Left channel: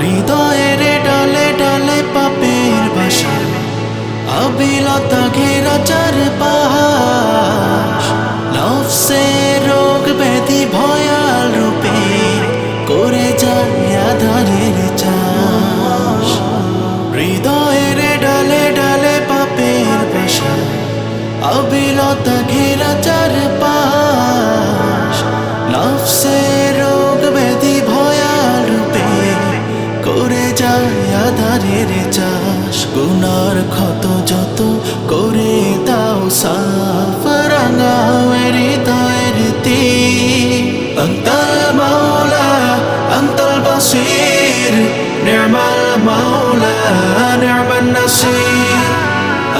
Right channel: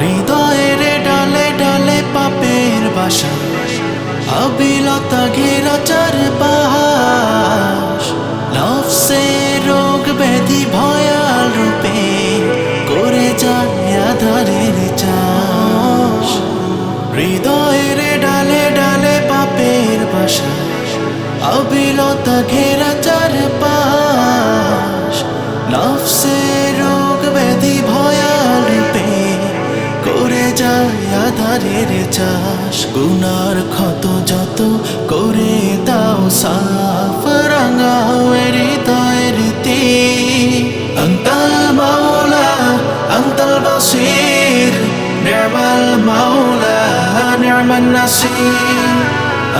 হৃদয়ের ডালে ডালে পাপের বাসা। অবিলতা ঘেরা চার নফসে রোগ ব্যাধি ভয়াল রূপে করে যায় আধারের চাষ হৃদয়ের ডালে ডালে পাপের বাসা অবিলতা ঘেরা চার পাশ রোগ ব্যাধি ভয়াল রূপে করে যায় ধারের চাষ, গুনার ক্ষত যত করে দাও সাফ রাঙাও হৃদয়ের তি আন্তাল মাওলা, আন্তাল বাসির নির্মাল মাওলা নির্মাল নাসির।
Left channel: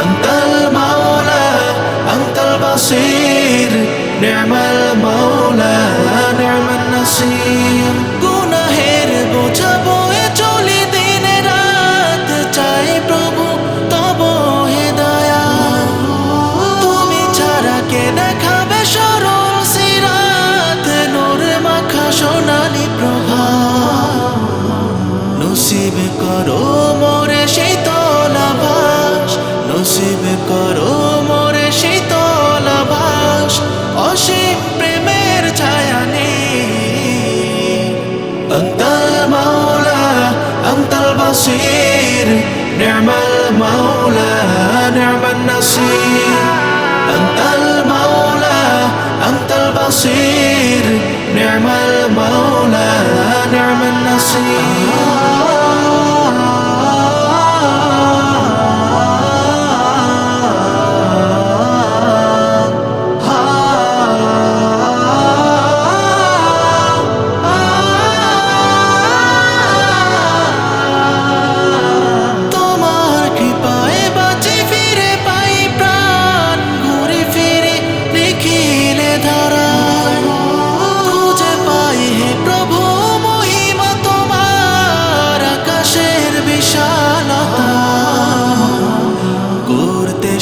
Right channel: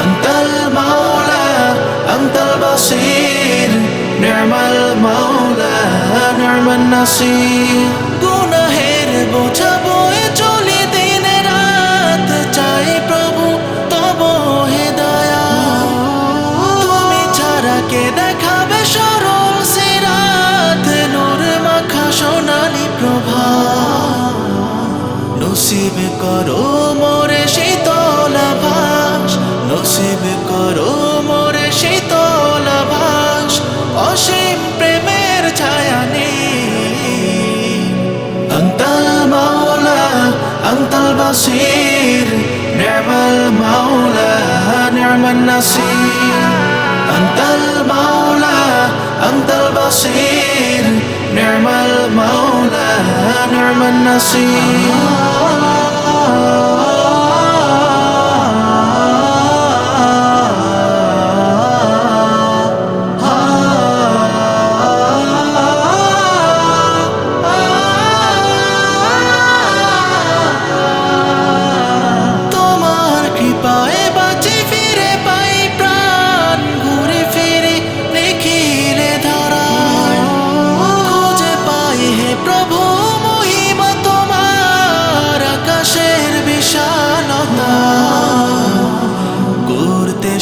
আন্তাল মাওলা, আন্তাল বাসির নির্মাল মাওলা নির্মাল নাসির। গুনাহের বোঝাবো চাই প্রভু, তব হে দয়া। তুমি ছাড়া কে দেখাবে সরল সিরাত? নূর মাখা সোনালি প্রভা। নসিব করো মোরে শীতল ভাস নসিব করো মোরে শীতল ভাস অসীম প্রেমের ছায়া অন্তল মাওলা অন্তল বসির نعم المولى نعم النصير. أنت المولى أنت البصير. نعم المولى نعم النصير.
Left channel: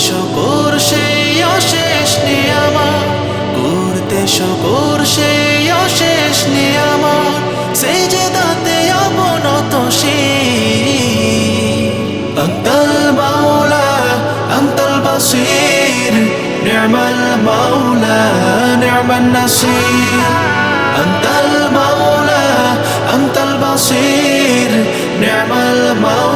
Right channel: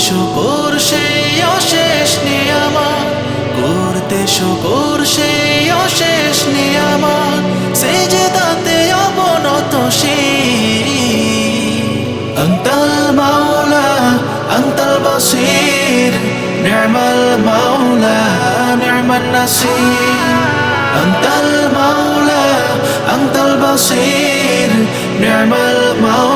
শকর, সেই অশেষ নিয়ামা করতে শকর, সেই অশেষ নিয়ামা সেই যে দাতে অবনত অন্তল মাওলা অন্তল বসির। নির্মল মাওলা, নির্মল নাসির। অন্তল মাওলা অন্তল বসির। নির্মল মাওলা।